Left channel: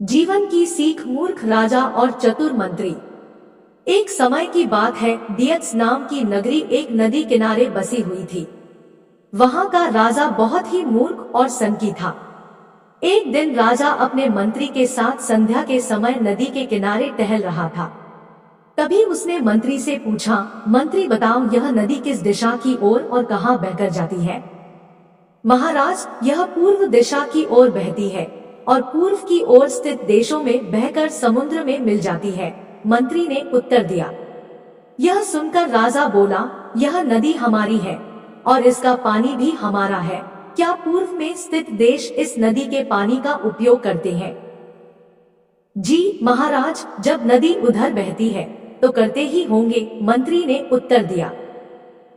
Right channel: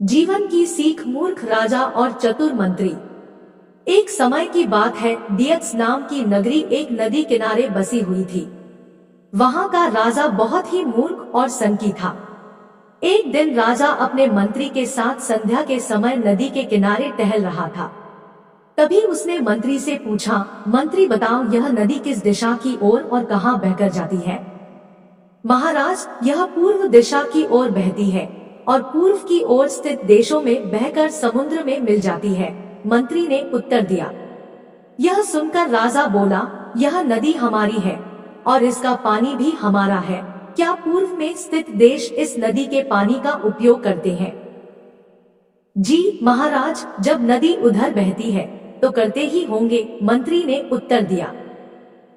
जीवन की सीख मूर्ख राजा और चतुर मंत्री। एक समय की बात है, दियत्स नाम की नगरी एक नदी किनारे बसी हुई थी। वहां का राजा बहुत ही मूर्ख और सनकी था। एक दिन राजा अपने मंत्री के साथ संध्या के समय नदी के किनारे टहल रहा था। तभी उसने मंत्री से पूछा, मंत्री बताओ, यह नदी किस दिशा की ओर और कहां बहकर जाती है? महाराज, यह पूर्व दिशा की ओर बहती है और पूर्व की ओर स्थित देशों में बहकर समुद्र में मिल जाती है, मंत्री ने उत्तर दिया। यह सुनकर राजा बोला, यह नदी हमारी है और इसका पानी भी हमारा है। क्या पूर्व में स्थित देश इस नदी के पानी का उपयोग करते हैं? जी महाराज, जब नदी उधर बहती है तो करते ही होंगे, मंत्री ने उत्तर दिया।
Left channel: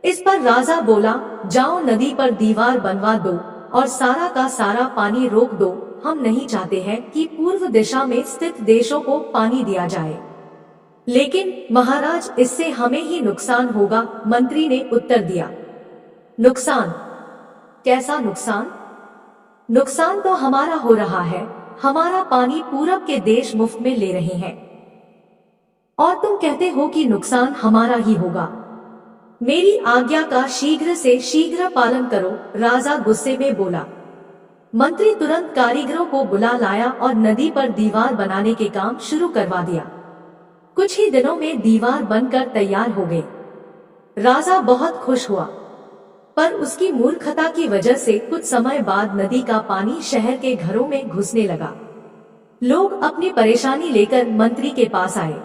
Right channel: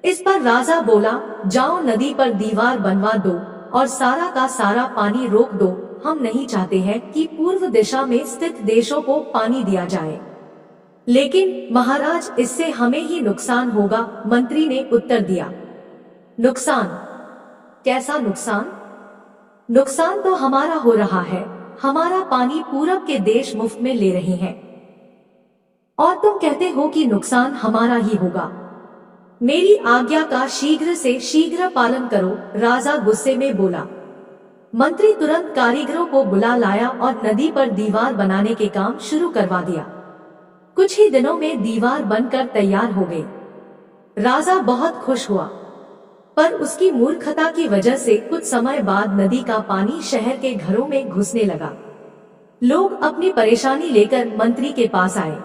इस पर राजा बोला, जाओ नदी पर दीवार बनवा दो और सारा का सारा पानी रोक दो। हम नहीं चाहते हैं कि पूर्व दिशा में स्थित देशों को पानी दिया जाए। लेकिन महाराज, इससे हमें ही नुकसान होगा, मंत्री ने उत्तर दिया। नुकसान? कैसा नुकसान? नुकसान तो हमारा हो रहा है। हमारा पानी पूरब के देश मुफ्त में ले रहे हैं और तुम कहते हो कि नुकसान हमारा ही होगा। मेरी आज्ञा का शीघ्र से शीघ्र पालन करो, राजा गुस्से में बोला। मंत्री तुरंत कारीगरों को बुला लाया और नदी पर दीवार बनाने के काम शुरू करवा दिया। कुछ ही दिनों में दीवार बनकर तैयार हो गई। राजा बहुत खुश हुआ, पर उसकी मूर्खता की वजह से कुछ समय बाद नदी का पानी शहर के घरों में घुसने लगा। लोग अपनी परेशानी लेकर मंत्री के पास आए।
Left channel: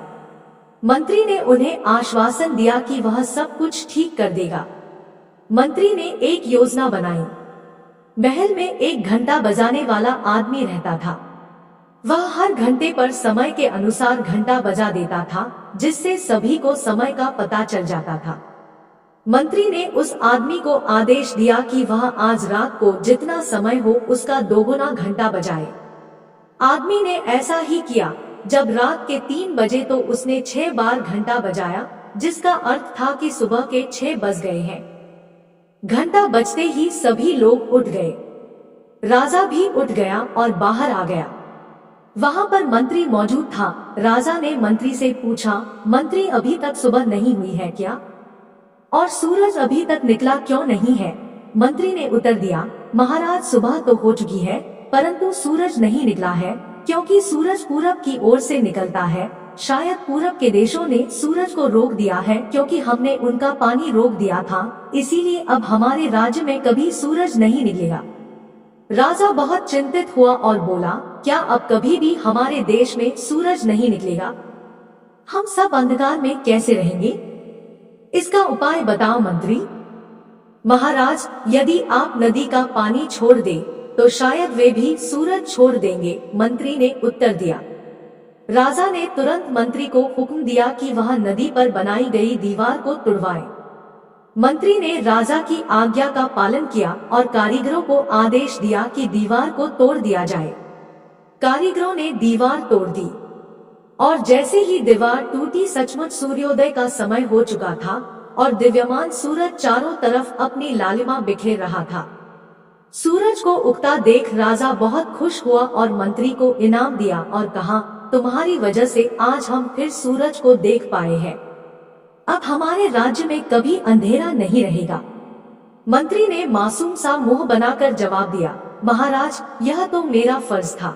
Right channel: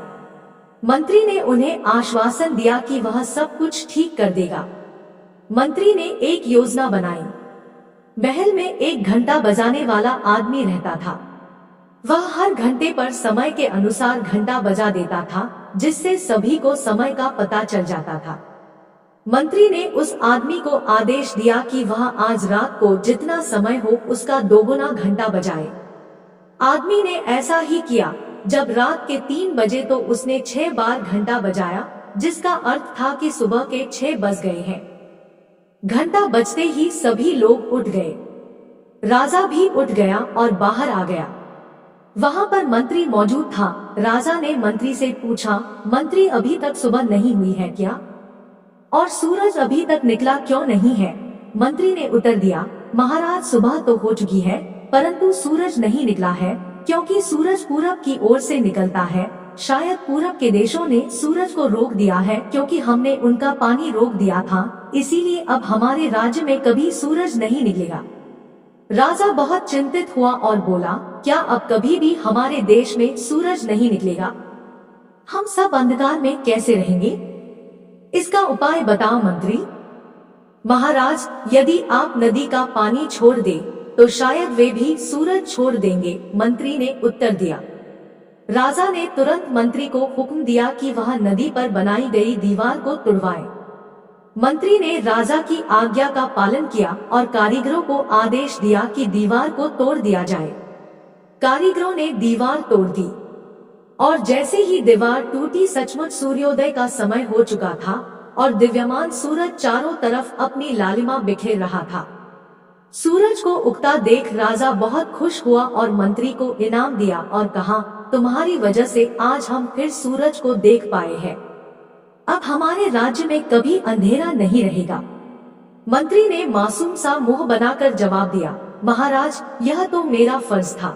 मंत्री ने उन्हें आश्वासन दिया कि वह सब कुछ ठीक कर देगा। मंत्री ने एक योजना बनाई। महल में एक घंटा बजाने वाला आदमी रहता था। वह हर घंटे पर समय के अनुसार घंटा बजा देता था, जिससे सभी को समय का पता चल जाता था। मंत्री ने उस आदमी को आदेश दिया कि वह आज रात को जितना समय हो उसका दोगुना घंटा बजाए। आदमी ने ऐसा ही किया। जब रात के 3 बजे तो उसने 6 बार घंटा बजाया, जिसका अर्थ था कि सुबह के 6 बज गए हैं। घंटा बजते ही सभी लोग उठ गए। राजा भी उठ गया और बाहर आ गया। वहां पर मंत्री मौजूद था। राजा ने मंत्री से पूछा, मंत्री, अभी तक सुबह नहीं हुई है क्या? और सूरज अभी तक निकला क्यों नहीं है? मंत्री ने उत्तर दिया, महाराज, सुबह तो हो चुकी है, परंतु सूरज नहीं निकला है, क्योंकि सूरज पूरब की ओर से निकलता है। शायद पूरब के देशों ने सूरज को रोक दिया है, क्योंकि हमने उनका पानी रोक दिया था, इसीलिए अब हमारे राज्य में कभी सूरज नहीं निकलेगा। राजा बहुत चिंतित हुआ और बोला, क्या अब कभी भी हमारे देश में सूरज नहीं निकलेगा? हम सब अंधकार में कैसे रहेंगे? इसका उपाय बताओ मंत्री। महाराज, यदि आप नदी का पानी छोड़ दे तो शायद वे भी सूरज छोड़ देंगे, मंत्री ने उत्तर दिया। राजा ने तुरंत मंत्री को हुक्म दिया कि वह नदी पर बनाई गई दीवार को तुड़वाए। मंत्री ने राजा की आज्ञा का पालन किया और कारीगरों को आदेश दिया कि दीवार को तोड़ दिया जाए। कारीगरों ने दीवार तोड़ दी और जैसे ही दीवार टूटी, सचमुच सूर्योदय का समय हो चुका था और दिव्यमान सूरज चारों तरफ अपनी लालिमा बिखेर रहा था। सूरज को उगता देख राजा बहुत खुश हुआ और मंत्री को इनाम दिया और कहा, तुम्हारी वजह से आज हम फिर सूरज को देख पाए हैं। अब हमारे राज्य में कभी अंधेरा नहीं रहेगा। मंत्री ने मासूम सा मुंह बनाकर जवाब दिया, महाराज, यह तो मेरा फर्ज था।